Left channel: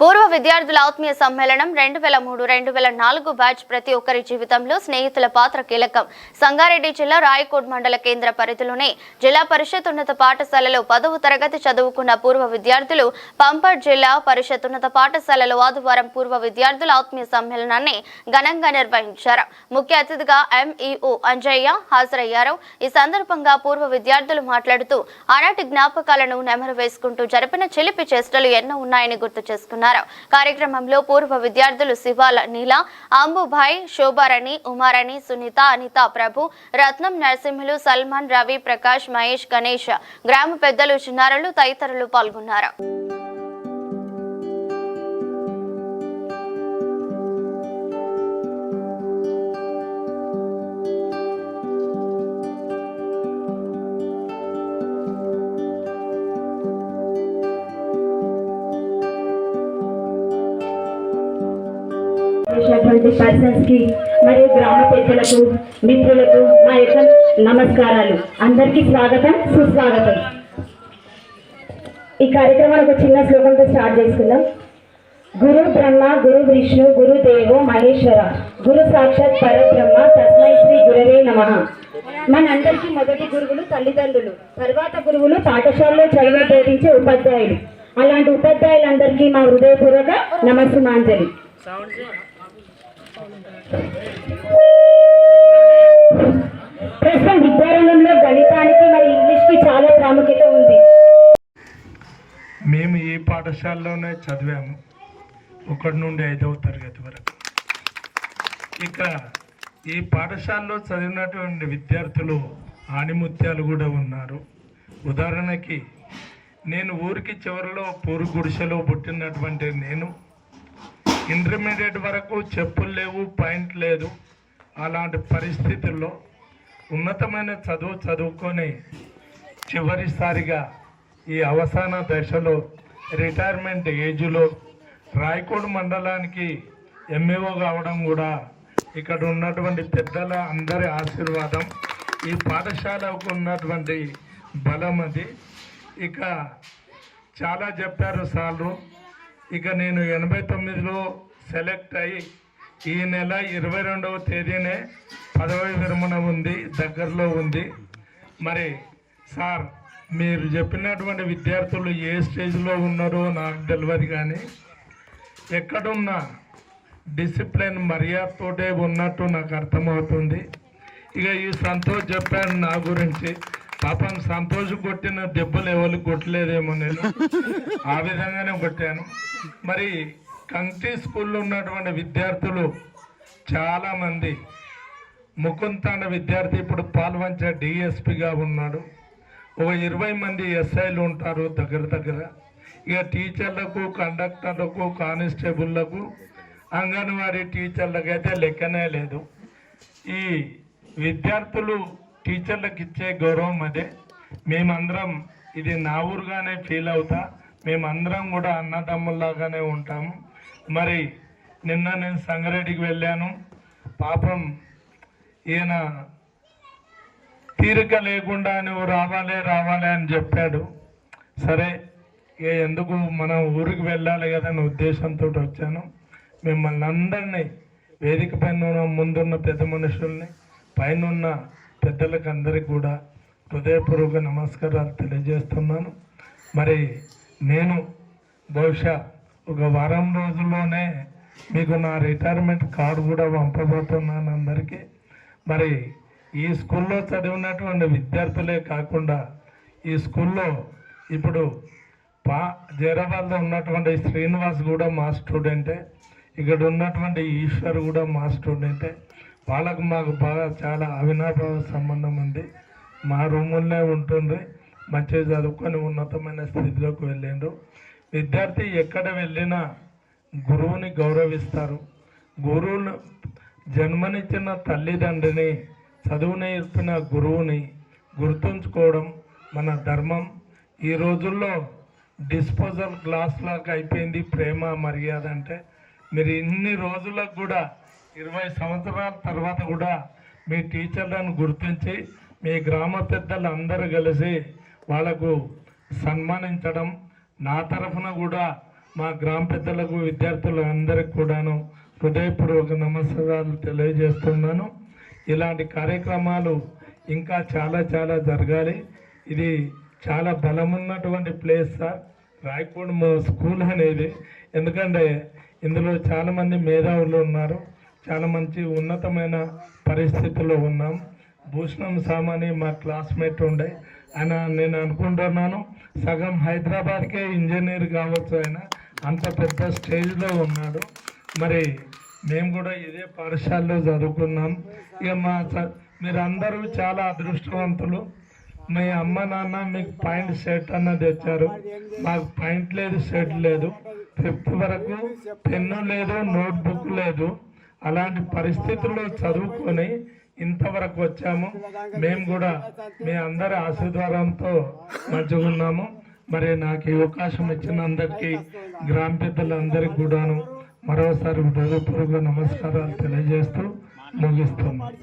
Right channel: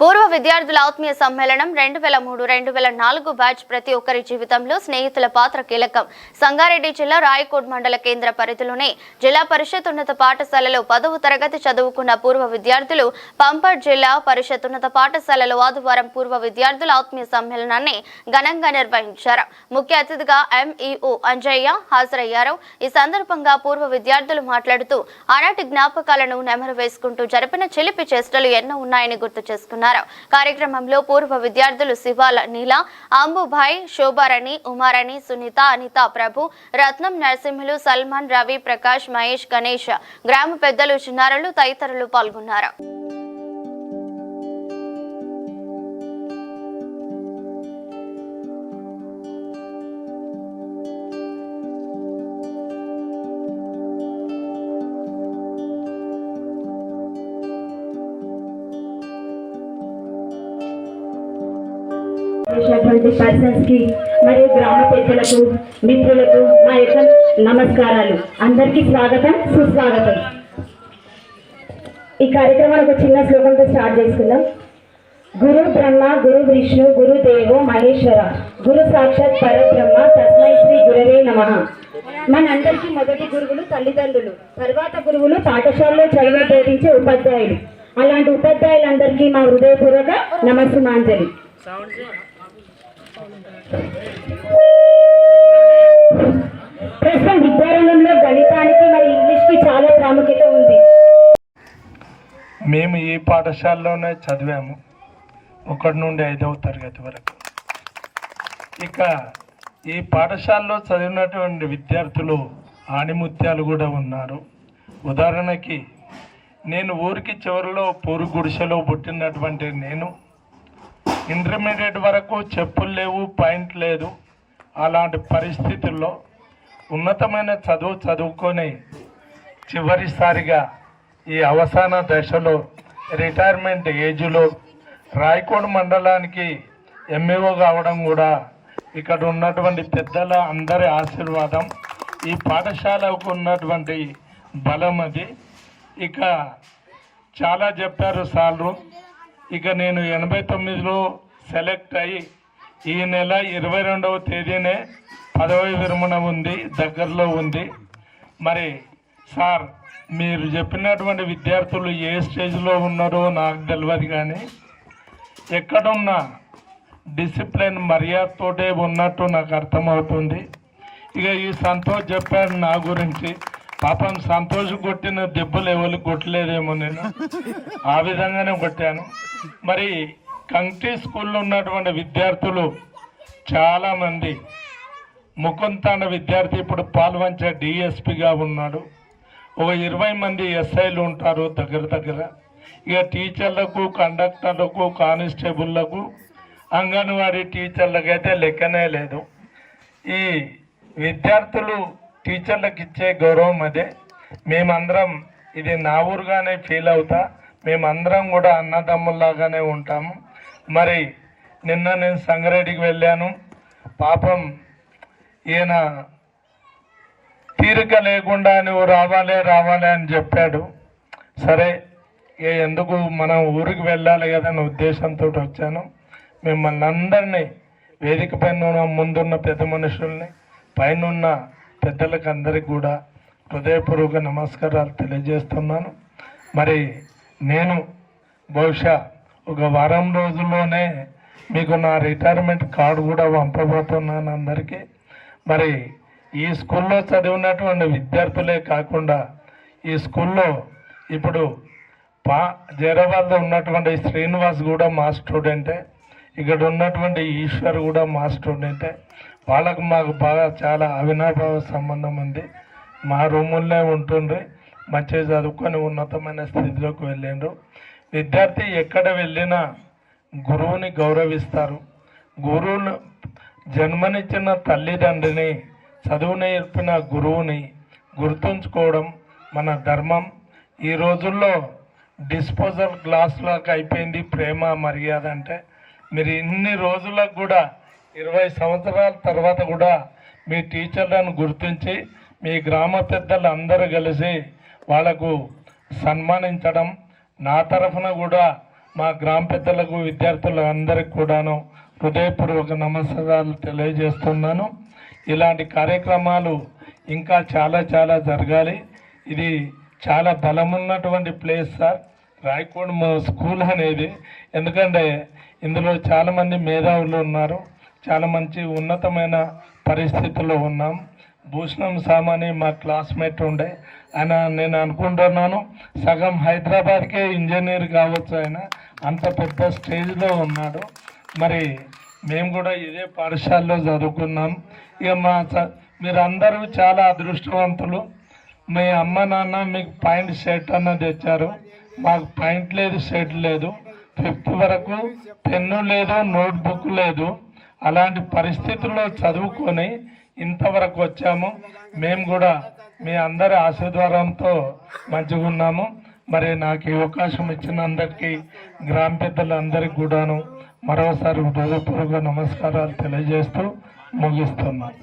పూర్వ విద్యార్థుల ఆత్మీయ సమ్మేళనం 2003-2004 బ్యాచ్ ప్రతి ఒక్కరి జీవితంలో స్నేహితుల పాత్ర కీలకం. సంగారెడ్డి జిల్లా రాయకోడ్ మండల కేంద్ర పరిధిలోని జిల్లా పరిషత్ ఉన్నత పాఠశాలలో 10వ తరగతి చదువుకున్న పూర్వ విద్యార్థులు పంపట్ జిల్లా పరిషత్ ఉన్నత పాఠశాలలో ఆదివారం పూర్వ విద్యార్థుల ఆత్మీయ సమ్మేళనాన్ని ఘనంగా నిర్వహించారు. ముఖ్య అతిథిగా ఎంఈఓ అంజయ్య హాజరయ్యారు. ఈ సందర్భంగా పూర్వ విద్యార్థులు మాట్లాడుతూ ఆనాటి జ్ఞాపకాలను నెమరు వేసుకుంటూ జరిపిన చిలిపి చేష్టలు ఎన్నో ఉన్నాయని గుర్తు చేసుకున్నారు. కార్యక్రమంలో పూర్వ విద్యార్థులు శివాల నీల, అంబుభాయ్, శోభారాణి, ఉమారాణి, సునీత, అనిత, ప్రభు, రత్నం, నరసింహులు, సల్మాన్, రవి, ప్రకాష్, మహేష్, గణేష్, గ్రామ పెద్దలు, చిన్నారులు తదితరులు పాల్గొన్నారు. పర్సన్స్ కి మరియు గ్రామ పెద్దలకు మిత్రులకు మా యొక్క నమస్కారాలు. అందరికీ స్వాగతం, సుస్వాగతం. ఈ కార్యక్రమానికి ఒక చిన్న శ్లోకంతో స్టార్ట్ చేసుకుందాం. గురు బ్రహ్మ గురు విష్ణు గురు దేవో మహేశ్వర గురు సాక్షాత్ పరబ్రహ్మ తస్మై శ్రీ గురవే నమః. మనందరికీ మొదటి గురువులు తల్లిదండ్రులు, తర్వాత గురువులు పాఠశాలలో చదువు బోధించే ఉపాధ్యాయులు. అలాంటి ఉపాధ్యాయులందరికీ మా హృదయపూర్వక నమస్సుమాంజలి. ప్రస్తుతం విద్యారంగంలో గణితానికి మరి ఇంగ్లీష్ కి చాలా ప్రాముఖ్యత ఉంది. మేము ఈ పాఠశాలలోనే చదివాము 1 నుండి 5వ తరగతి వరకు. ఇక ఈ పాఠశాలలో చదివినటువంటి విద్యార్థులు ఆణిముత్యాలు కూడా ఉన్నారు. ఉదాహరణకి నేను ఊరికి చివరిలో పూరు గుడిసెలో పుట్టినటువంటి నేను ఇంటర్మీడియట్ వరకు చెప్పులు లేవు, పాయింట్ లేదు. అలాంటి పరిస్థితుల్లో ఉన్నతమైన చదువుకొని చివరిసారిగా ఈ అవసాన దశలో రిటైర్మెంట్ ఏజ్లో రాయకోడ్ మండలానికి ఎంఈఓ కావడం కూడా ఇక్కడ ఉన్నటువంటి పెద్దల అందరి ఆశీర్వాదం. ఈ పాఠశాలకు ఉన్నటువంటి బలం అది. ఇక చాలా చెప్పారు సార్లు. ఇక నేను 89లో సెలెక్ట్ అయ్యి ఈ నెల 22వ తేదీనే పదవి విరమణ ఉంది, దగ్గరలో ఉంది. మరి సార్ మీరు చెప్పినటువంటి విద్యార్థులు ఏ స్టేజ్లో ఉన్నారో నాకు తెలియదు, కానీ ఎక్కడున్నా డిసిప్లిన్ మర్యాదతోటే ఉన్నట్టు నాకు అర్థమవుతుంది. ఇక ఈ సంతోష్ చెప్పాడు నా గురించి. పాపం సంతోష్ కొట్టిన దెబ్బలు ఎవరికి కొట్టలేదేమో, నేను ఆ విధంగానే కొట్టాను. మరి కంకి స్కూల్లో ఉన్నటువంటి విద్యార్థులు చాలామంది, ముకుంతాండ విద్యార్థి ఇప్పుడు పాల్వంచ డిఎస్పిగా ఉన్నాడు. ఒక 20 మంది ఎస్ఐలు ఉంటారు దగ్గర. ఇక టీచర్లకు, కండక్టర్లకు, కానిస్టేబుళ్లకు, అంగన్వాడీ టీచర్లకు అయితే లెక్కనే లేదు. ఈ విద్యార్థులు టీచర్లకు ఇచ్చే గౌరవం అదే. మేమందరం ఇది నా ఊరుగానే ఫీల్ అవుతా. మేమందరం కూడా అన్నదమ్ముల్లాగానే ఉంటాము. మరి నిన్న నేను సంగారెడ్డికి వెళ్ళాను. పాపం ఈయన తీరిక లేకుండా నువ్వు రావాలి అని చెప్పాడు. సరే ఎందుకు మనం ఊరికి వెళ్ళాలి కదా అనే ఉద్దేశంతో వచ్చాను. మిమ్మల్ని అందరినీ వేదిక పైన ముందున్న పెద్ద మనుషుల్ని, పైన పెద్దలకు అందరికి కూడా హృదయపూర్వక నమస్కారాలు తెలియజేస్తున్నాను. మరి నేను బహుశా ఒక వారం రోజుల్లోనే మీకు నా రిటైర్మెంట్ కార్డు కూడా పంపబోతున్నాను అందరికీ. మరి ఈ స్కూల్లో చదివినటువంటి విద్యార్థులే కాకుండా ఈ స్కూల్లో ఇప్పుడు జైరాబాద్లో ఉన్నటువంటి శ్రీనివాస్ కూడా మా స్టూడెంటే, ఇక్కడ ఉన్నటువంటి ఈశ్వర్ కూడా మా స్టూడెంటే. వాళ్ళకు మాకు బాగా చాలా అవినాభావ సంబంధం ఉంది. మా రూముల్లో ఉంటుండ్రి, మంచిగా చదువుకొని ఉన్నతమైన స్థితిలోకి వెళ్ళిండ్రు. విద్యార్థి ఎక్కడ వెళ్ళినా గురువుని గౌరవిస్తారు. గురువును జన్మనిచ్చిన తల్లిదండ్రిని, చదువు నేర్పిన గురువుని గుర్తుంచుకోవడం మన ధర్మం. ఈ రోజుల్లో డిస్పోజల్ గ్లాస్ లాగా అయిపోయింది ప్రేమ మర్యాద అంటే. మీరు ఇన్ని రోజులకు కూడా 20 సంవత్సరాల తర్వాత కూడా మీ టీచర్లను గుర్తించి మీ గ్రామ పెద్దలు అందరూ కలిసి వాళ్లకు సన్మానించడం, నా తరఫున కూడా మా గ్రామ పెద్దలకు విద్యార్థులకు అందరికి కూడాను హృదయపూర్వక నమస్కారాలు తెలియజేస్తున్నాను. ఇలాంటి కార్యక్రమాలు ఇంకా చాలా చాలా జరగాలి. ఇది చాలా బలమున్నటువంటి ప్లేస్ సార్ రాయకోడ్ స్కూల్ అనేది. ఎందుకంటే ఇందులో చాలామంది మేధావులు ఉన్నారు, చాలా మంచి ఉన్నతమైన పరిస్థితుల్లో ఉన్నాం. భూషణం సామాని మా క్లాస్మేట్ ఉండే ఆయన, నేను అనుకుంటున్నాను సగం హైదరాబాద్కే ఇంజనీర్ కావచ్చు ఆయన, అంత పెద్ద స్టేజ్లో ఉన్నాడు. మరి మేము కూడా ఇదే పాఠశాలలో చదువుకున్నాం. ఇక మీరందరూ చాలా అదృష్టవంతులు. మీ అమ్మ నాన్న మీకు పాయింట్ సెట్ అన్న తెచ్చారు, మాకు పాయింట్ లేదు, సెట్ లేదు. 5th వరకు పెన్ను లేదు, నోట్బుక్ లేదు. అలాంటి పరిస్థితుల్లో చదువుకొని ఇంతవరకు వచ్చాము. మేము కూడా మీ అందరి ఆశీర్వాదంతో మంచిగా ఉన్నాము. మరి నాకు ఈ అవకాశం ఇచ్చిన అందరికీ, గ్రామ పెద్దలందరికీ కూడాను మరోసారి హృదయపూర్వక నమస్కారాలు తెలియజేస్తూ ముగిస్తున్నాను.